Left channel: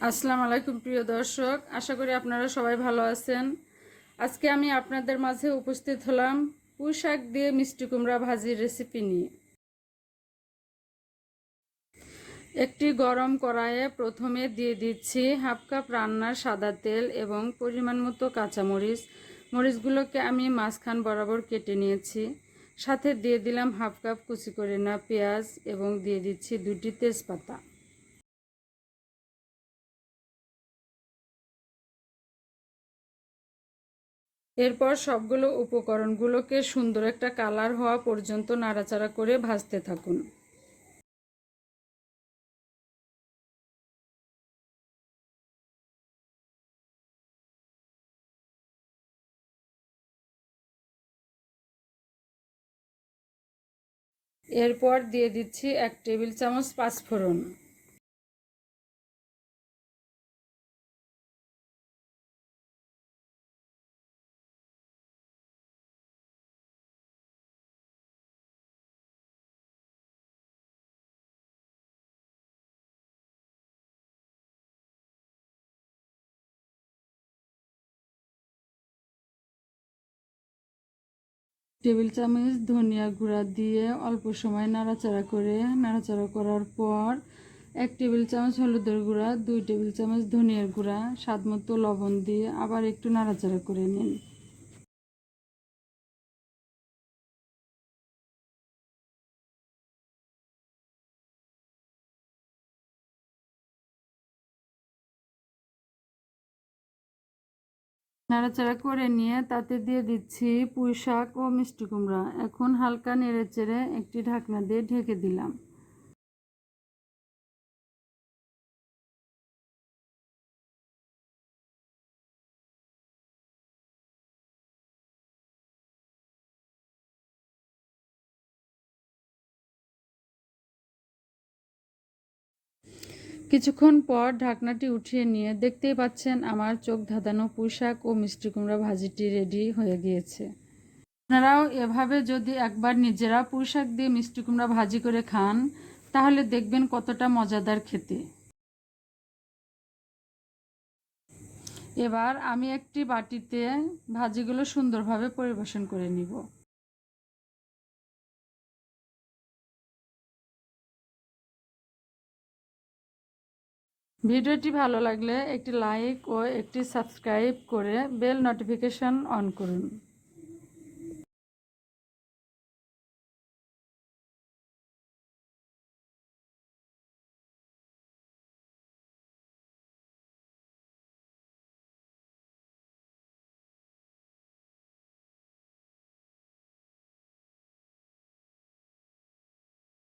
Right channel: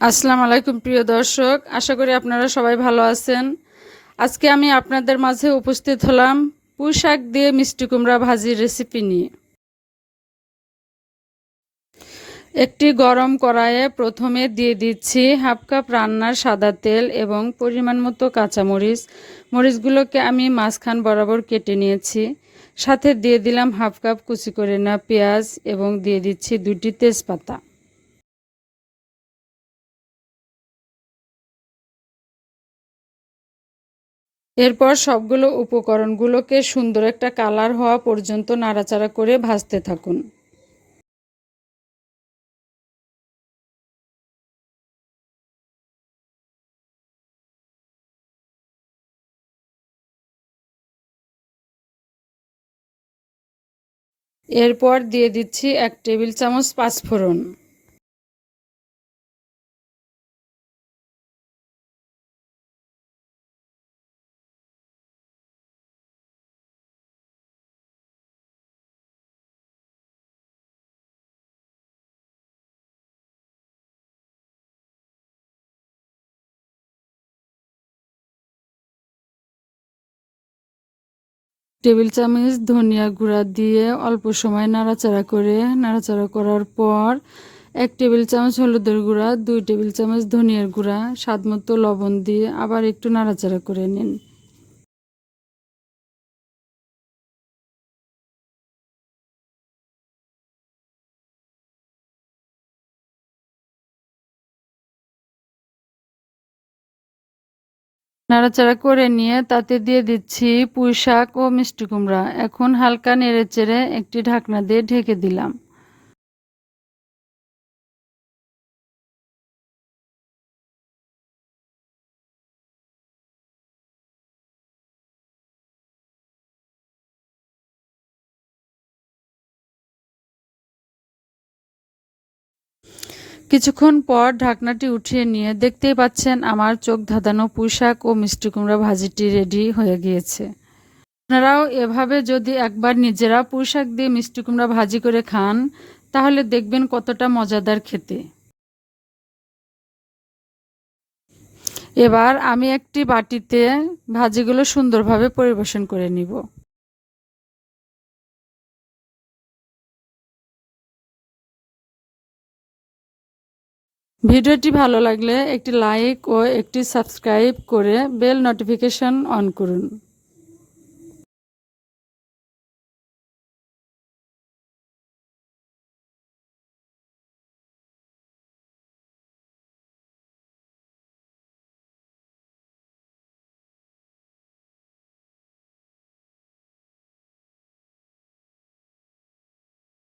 আসসালামু আলাইকুম, প্রিয় দর্শক। আশা করি আপনারা সবাই ভালো আছেন। আজকে আমি আপনাদের মাঝে উপস্থিত হলাম পুঁই শাক দিয়ে মিষ্টি কুমড়া ভাজির রেসিপি নিয়ে। একটি গরম কড়াইয়ে প্রথমে দিয়ে দিচ্ছি হাফ কাপ রান্নার সাদা তেল এবং পরিমাণ মতো কাঁচামরিচ। মরিচগুলোকে আমি মাঝখান বরাবর কেটে নিয়েছি। সাথে দিয়ে দিলাম হাফ কাপ কুচি করে না পেঁয়াজ এবং দিয়ে দিচ্ছি দুটি তেজপাতা। এরপর সবগুলো উপকরণগুলোকে সুন্দর একটা কালার হওয়া পর্যন্ত নাড়াচাড়া করে ভাজতে থাকুন। এরপর দিয়ে দিচ্ছি এক টেবিল চামচ পাঁচফোড়ন। টেবিল চামচ, ধনিয়া গুঁড়া দিয়ে অল্প সময় নাড়াচাড়া করে, নাড়াচাড়া করার পর এক টেবিল চামচ হলুদের গুঁড়া, দুই টেবিল চামচ ধনিয়ার গুঁড়া স্বাদ মতো লবণ দিয়ে আবার একটু নাড়াচাড়া করে নিন। নাড়াচাড়া করে নিয়ে তাতে দিয়ে দিচ্ছি পুঁই শাক ও মিষ্টি কুমড়া। এখন হালকা নেড়ে চেড়ে একটি ঢাকনা দিয়ে ঢেকে দিলাম। কিছুক্ষণ পর ঢাকনাটি উঠিয়ে নিয়ে দেখতেই পাচ্ছেন আমার চোখ ধাঁধানো পুঁইশাক ও মিষ্টি কুমড়া ভাজিটি রেডি হয়ে গিয়েছে। আপনারাও এভাবে যদি একবার নিজেরা পুঁইশাক দিয়ে মিষ্টি কুমড়া ভাজি করে খান, তাহলে দেখবেন কতটা মজাদার খেতে। এবার আমি একটি বাটিতে ভাজিগুলো সুন্দরভাবে পরিবেশন করে নিব। ভিডিওটি ভালো লাগলে একটি লাইক ও একটি সাবস্ক্রাইব করে বেল নোটিফিকেশন অন করুন।